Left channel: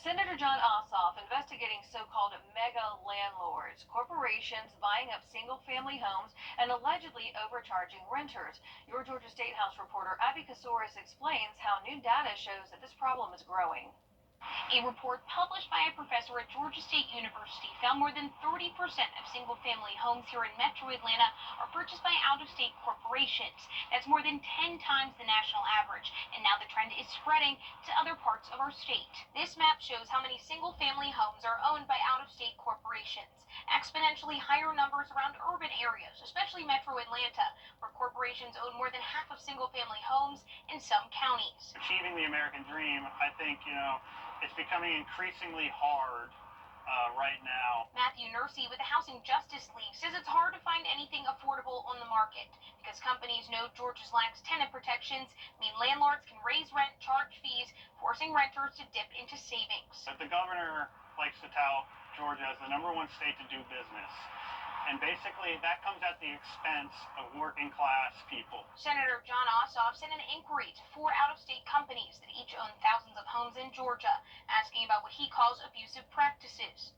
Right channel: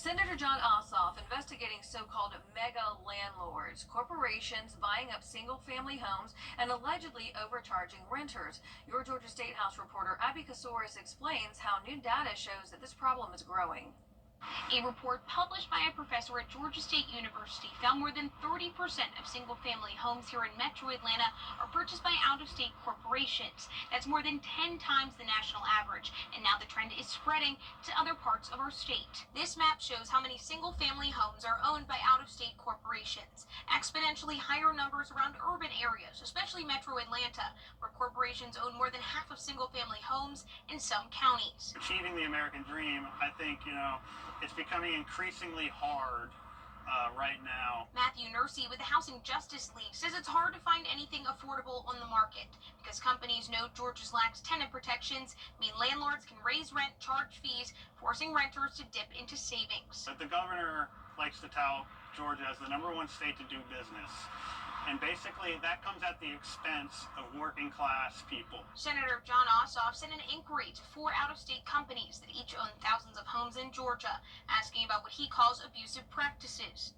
Senator John Ossoff investigating so-called mega landlords, corporations buying up single-family homes and allegedly overcharging renters. Your Georgia State House reporter Abby Kasoris explains how new data shows that this problem is growing. A report published by a professor at Georgia State University found more than 30% of single-family homes here in Metro Atlanta are purchased by out-of-state corporations. That's more than 10 times the national average, and now the trend is spreading to other parts of our state. This map shows how many single-family homes are owned by out-of-state corporations. Exponentially higher numbers around urban areas, especially Metro Atlanta, where corporations own more than half of single-family homes in some counties. Achieving the American dream, I think, it's becoming increasingly hard right now. Matthew Nursey with the Housing Justice League says it's hard to find anything affordable on the market because companies know Georgia's lax tenant protections mean landlords can raise rent, charge fees, forcing renters to dip into savings. But the governor likes to tout Georgia as the #1 state to do business. And basically, that comes at the expense of working class people. Senator John Ossoff sent an inquiry to 4 out-of-state companies that each own thousands of homes in Georgia, asking about what he calls abusive practices.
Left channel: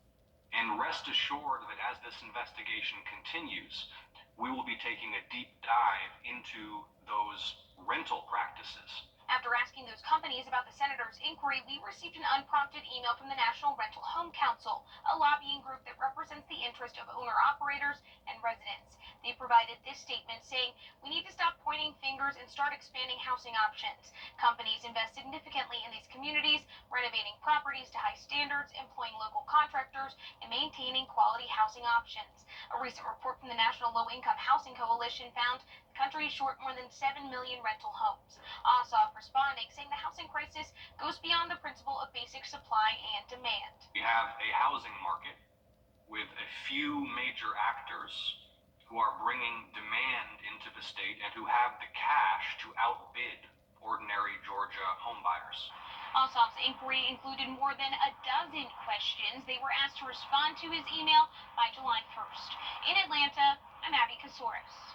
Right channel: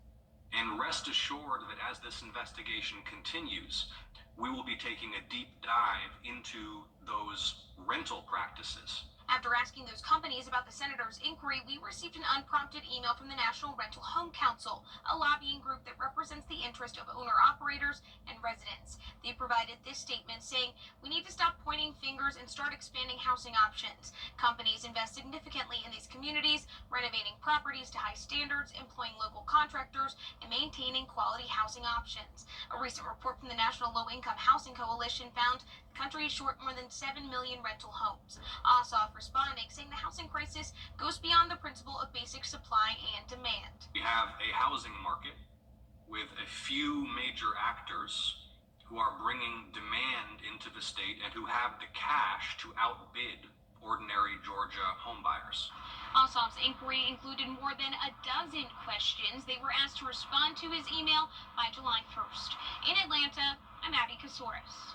And rest assured that as this investigation continues, we will be taking a deep dive into those rental practices. After asking those companies about the senator's inquiry, we received an unprompted email from the National Rental Home Council, a lobbying group that represents the interest of owner-operators and residents. They provided this statement saying, "We need to stop pointing fingers and start expanding housing options. Companies invest significantly in these communities, renovating properties to high standards, employing local contractors, and maintaining quality housing options." A recent report from the National Low-Income Housing Coalition found the country is short more than 7 million rental homes. Ossoff responding, saying the housing crisis goes beyond the principle of basic supply and demand. We have a housing market with a few major actors who are bringing demand into the state and who have the cash to outbid ordinary Georgia homebuyers. Ossoff's inquiry included more than a dozen questions. They were asked to respond to his email by July 1st. In Atlanta, I'm Abby Kasoris.